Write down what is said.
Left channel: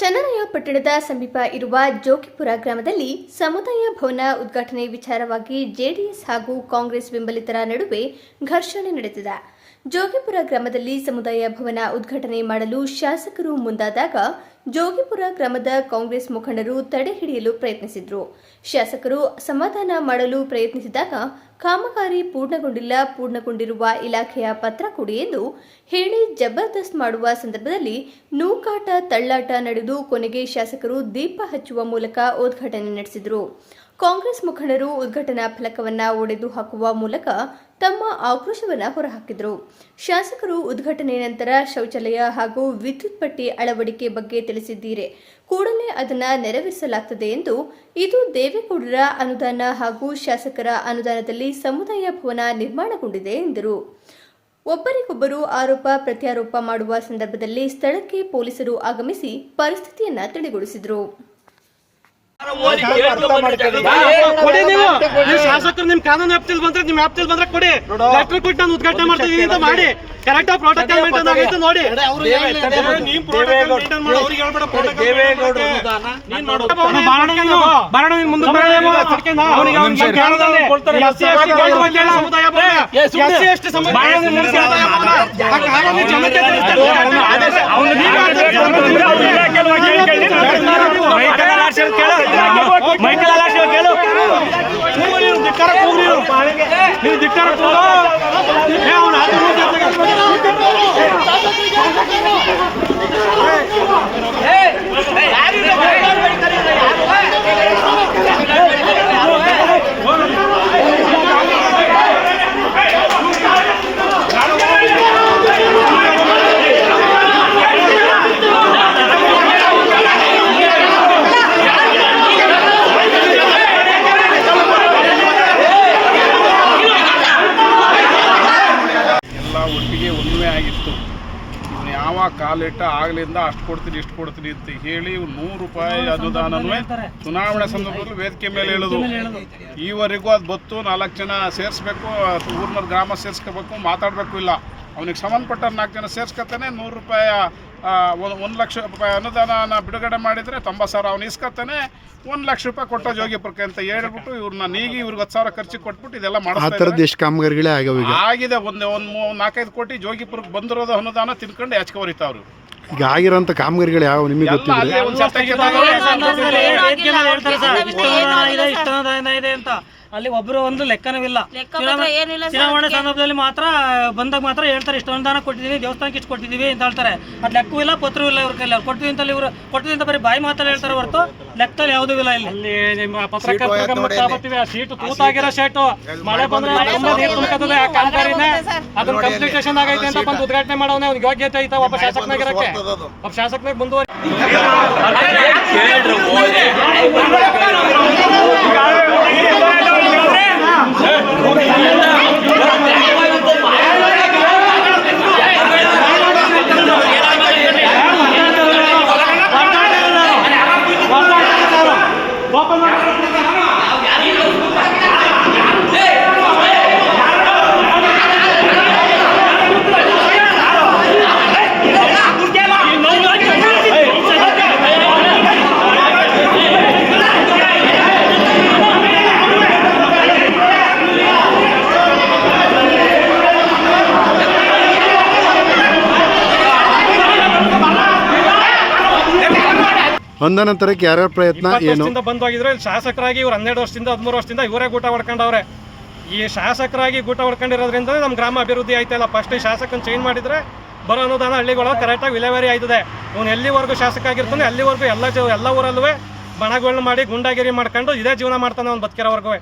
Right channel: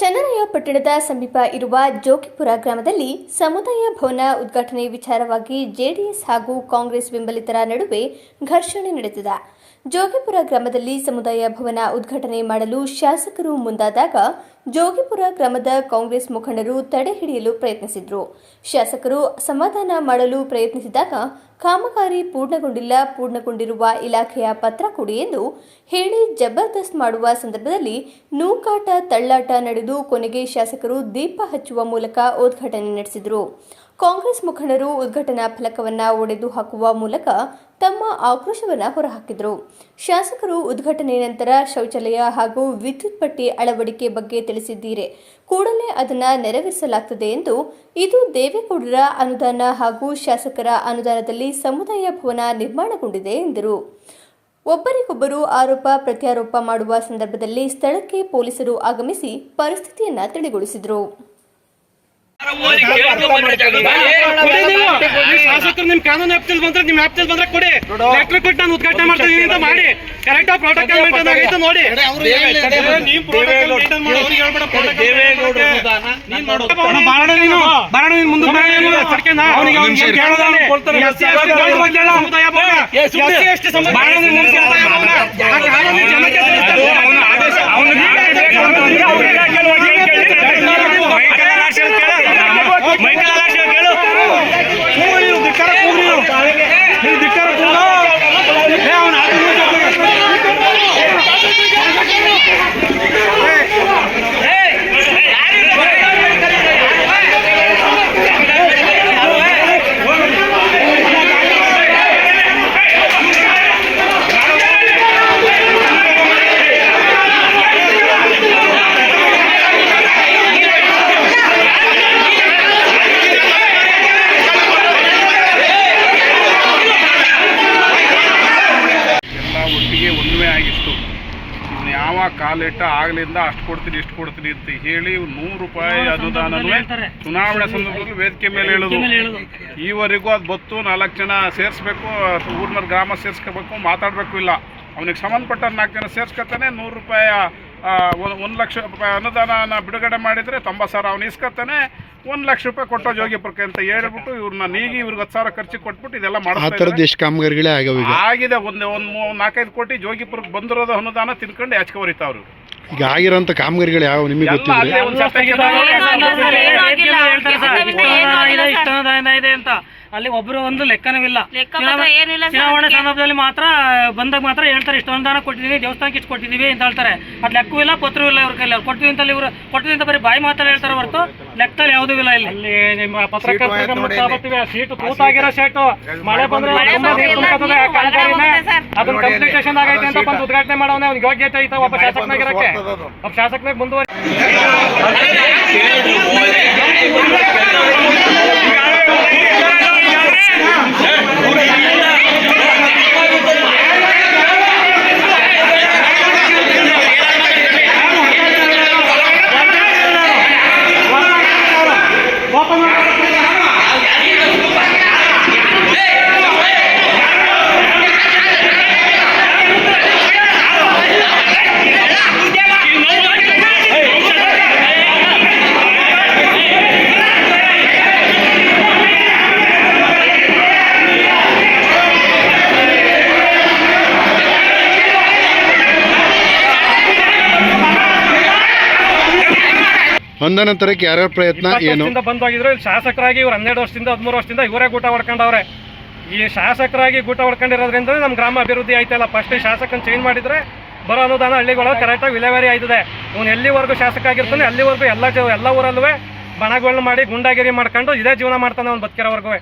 ಚನ್ನರಾಯಪಟ್ಟಣದ ಸಮೀಪ ಇರುವ ಜೋಗಿಪುರ ಗ್ರಾಮದಲ್ಲಿ ಸಮುದಾಯ ಭವನ ಉದ್ಘಾಟನೆ ವಿಚಾರವಾಗಿ ಜೆಡಿಎಸ್ ಹಾಗೂ ಕಾಂಗ್ರೆಸ್ ಬೆಂಬಲಿತರ ನಡುವೆ ಘರ್ಷಣೆ ನಡೆದಿದೆ. ಜೋಗಿಪುರ ಗ್ರಾಮದಲ್ಲಿ ಸಮುದಾಯ ಭವನ ಉದ್ಘಾಟನೆ ಮಾಡಲು ಶಾಸಕರು ಮುಂದಾದಾಗ ಜೋಗಿಪುರ ಗ್ರಾಮದ ಕಾಂಗ್ರೆಸ್ ಮುಖಂಡರು ತಡೆ ಹಿಡಿಯಲು ಪ್ರಯತ್ನಿಸಿದರು. ಶಾಸಕರು ಸಮಾಧಾನ ಮಾಡಲು ಪ್ರಯತ್ನಿಸಿದಾಗ ಕಾಮಗಾರಿ ಪೂರ್ಣಗೊಂಡಿರುವ ಇಲಾಖೆಯ ಪತ್ರ ಕೊಡಿ ಎಂದು ಹೇಳಿ ಜಬರ್ದಸ್ತ್ ಮಾಡುವ ಸಂದರ್ಭದಲ್ಲಿ ನೂಕಾಟ ತಳ್ಳಾಟ ನಡೆದು ಕೊನೆಗೆ ಶಾಸಕರು ದೀಪ ಹಚ್ಚುವ ಮೂಲಕ ಉದ್ಘಾಟನೆ ನಡೆಸಿದರು. ಕಾಂಗ್ರೆಸ್ ಮುಖಂಡರು ಉದ್ಘಾಟನಾ ಫಲಕವನ್ನು ಒಡೆದು ಹಾಕುವ ಮೂಲಕ ತಮ್ಮ ಆಕ್ರೋಶವನ್ನು ಹೊರಹಾಕಿದರು. ಶಾಸಕರು ಉದ್ಘಾಟನೆ ನಂತರ ಶೌಚಾಲಯ ಹಾಗೂ ವಿದ್ಯುತ್ ಪಟ್ಟಿ ಅಳವಡಿಕೆ ಬಗ್ಗೆ ತಿಳಿಸಿದ್ದೀರಿ, ಕೂಡಲೇ ಅದನ್ನು ನೆರವೇರಿಸಲಾಗುತ್ತದೆ ಎಂದು. ಇದು ದೇವೇಗೌಡರ ಅನುದಾನ ಹಾಗೂ ಶಾಸಕರ ಅನುದಾನದಲ್ಲಿ ಸಮುದಾಯ ಭವನ ನಿರ್ಮಾಣಗೊಂಡಿದೆ ಎಂದರು. ಒಬ್ಬರಿಗೊಬ್ಬರು ಆರೋಪ ಪ್ರತ್ಯಾರೋಪ ಮಾಡುವ ಸಂದರ್ಭದಲ್ಲಿ ಸ್ಥಳಕ್ಕೆ ಪೊಲೀಸರು ಆಗಮಿಸಿ ಪರಿಸ್ಥಿತಿಯನ್ನು ತಿಳಿಗೊಳಿಸಿದರು. ಶಾಸಕರು ನಿಮ್ ಕಾನೂನು ವ್ಯಾಪ್ತಿಯಲ್ಲಿ ಬಂದ್ರೆ ನಿಮ್ ವ್ಯಾಪ್ತಿಯಲ್ಲಿ ಬಂದ್ರೆ ಕೊಡಿ. ಲೆಟರ್ ಕೊಟ್ಟು ನಾನು ಉದ್ಘಾಟನೆ ಮಾಡ್ತೀನಿ ಅಂತ ಮಾಡಿ ಕರೆಕ್ಟ್ ಆಗಿ ಪ್ರೋಟೋಕಾಲ್ ಮೇಂಟೈನ್ ಆಗೈತೆ ನೋಡಿ. ಒಟ್ಟಿಗೆ ಒಂದುವೇ ಆಗಿತ್ತು. ಇವನು ಯಾವ ಕಾಲಿಟ್ಟ ಆಗಲಿಂದ ಅಷ್ಟು ಕೊಡ್ತೀನಿ ಇಷ್ಟು ಕೊಡ್ತೀನಿ ಅಂತ ಹೇಳಿ ₹100 ಅನುದಾನವೂ ಚುನಾವಣೆ ಸಂದರ್ಭದಲ್ಲಿ ವೇದಿಕೆ ಮೇಲೆ ಹೇಳೋದು. ಈವರೆಗೂ ಅದು ಬತ್ತು 4 ಜನ ಸೇರಿಸ್ಬೇಕು, ಊರಿನ ಗ್ರಾಮ ಸೇರಿಸ್ಕೋಬೇಕು, ಮಾತಾಡಬೇಕು ಇಲ್ಲ. ಅವನಿಗೆ ಸಂಬಂಧಪಟ್ಟ 4 ಜನ ಸೇರಿಸ್ಕೊತಾನೆ. ₹100 1 ಲಕ್ಷ ರೂಪಾಯಿ ಅನುದಾನ ಬಿಡುಗಡೆ ಮಾಡಿದರೆ 90,000 ಅವನು ಇಸ್ಕೊತಾನೆ. ₹1 ಲಕ್ಷ ಕೊಟ್ಟೋ ಜೋಗಿಪುರಕ್ಕೆ ಅಂತ ಹೇಳ್ಬಿಟ್ಟು ಇವ್ರನ್ನ ನೀಗಿ ಇವ್ರಿಗೆ 10,000 ಖರ್ಚು ಕೊಟ್ಬಿಟ್ಟು ಇದೆಲ್ಲ ಕಾಮಗಾರಿಗಳೇ ಆಗಿದೆ. ಒಂದು 4-5 ಕೋಟಿ ಜೋಗಿಪುರಕ್ಕೆ ಬಂದಿರೋದು ಅನುದಾನ ತಿನ್ಕೊಂಡು ಯಾಚಕ ಹೊರಿತಾವ್ರು. ಈಗ ಆಗಿರೋಂಥ ಕಾಮಗಾರಿಗಳು ಯಾವ ನಿಮಗೆ ಅಲ್ಲಿ ಒಬ್ರು ಒಂದು ಲೆಕ್ಕನವಿಲ್ಲ. ಚುನಾವಣೆ ಸಂದರ್ಭದಲ್ಲಿ ಮಾತ್ರ ಬಂದಾಗ ಮಾತ್ರ ಹೇಳ್ತಾರೆ ಇಷ್ಟು ಅನುದಾನ ಕೊಟ್ಟಿದ್ದೀವಿ, ದೇವಸ್ಥಾನಕ್ಕೆ ಇಷ್ಟು ಕೊಟ್ಟಿದ್ದೀವಿ ಅಂತ ಹೇಳ್ತಾರೆ. ಅದು ಲೆಕ್ಕವೂ ಇಲ್ಲ, ಪತ್ರವೂ ಇಲ್ಲ. ಇವ್ರ ಕೈಲಿ ಕೊಟ್ಟಿದ್ದೀವಿ ಅಂತ ಇವರು ಕೊಟ್ಟಿದ್ದೀವಿ ಅಂತ ಬರೀ ಬಾಯಿ ಮಾತ್ರ ಹೇಳ್ತಾರೆ ಹೊರತು ಲೆಕ್ಕದಲ್ಲಿ ಯಾವುದೂ ಇಲ್ಲ. ಇಲ್ಲಿ ನಿಮ್ಮ ಪತ್ರಕರ್ತರ ಗಮನಕ್ಕೆ ತಗೋತೀವಿ. ಸೀಟು ತೂತಾಗಿರೋ ಸೀಟು ಮಳೆ ಬಂದ್ರೆ ತುಂಬಾ ನೀರು ತುಂಬ್ಕತ್ತದೆ. ಆ ಕಾಮಗಾರಿನ ಅದನ್ನ ಕಂಪ್ಲೀಟೇಷನ್ ಆಗೈತೆ ಅಂತ ಬಂದು ಉದ್ಘಾಟನೆ ಮಾಡೋನೆ ಅವ್ನಿಗೆ ಯೋಗ್ಯತೆ ಐತೆ ಒಬ್ಬ ಶಾಸಕನಾಗಿರಕ್ಕೆ. ಒಬ್ಬ ಶಾಸಕನಾಗಿ ಮುಂದುವರಿ ಅನುದಾನ ತರಕ್ಕೆ ಯಾರ್ಯಾರ ಪ್ರಯತ್ನ ಏನು ಬಂದೋಗಿದ್ರು. ಇಲ್ಲಿ ಶಾಸಕರಾಗಿ ಇವ್ರು 12 ವರ್ಷದಿಂದ 13 ವರ್ಷದಿಂದ ಇವರೇ ಗೂಟ ಹೊಡ್ಕೊಂಡವ್ರೆ. ಈ ಶಾಸಕರಾಗಿ ಗೂಟ ಹೊಡ್ಕೊಂಡಿರೋದ್ರಿಂದ ನಮ್ಮ ಗ್ರಾಮ ಅಭಿವೃದ್ಧಿ ಆಯ್ತಲ್ಲ. ಫಸ್ಟ್ ಈ ಶಾಸಕನ ಚೇಂಜ್ ಮಾಡಿದ್ರೆ ಬರೋ ಅನುದಾನ ಹಳ್ಳಿಗಳು ಕರೆಕ್ಟಾಗಿ ವಿಲೇವಾರಿ ಆಯ್ತದೆ. ಅವ್ನು ಎಲ್ಲಿವರೆಗೂ ಶಾಸಕ ಆಗಿರ್ತಾನೆ ಅಲ್ಲಿವರೆಗೂ ಎಲ್ಲ ಊರಲ್ಲೂ ಬಣಗಳನ್ನ ಮಾಡಿ ಗುಂಡಾಗಿರಿ ಮಾಡ್ಕೊಂಡು ಇದೇ ಜೀವನ ಮಾಡ್ತಾನೆ ಅವ್ನು ಬದುಕಿರೋವರೆಗೂ.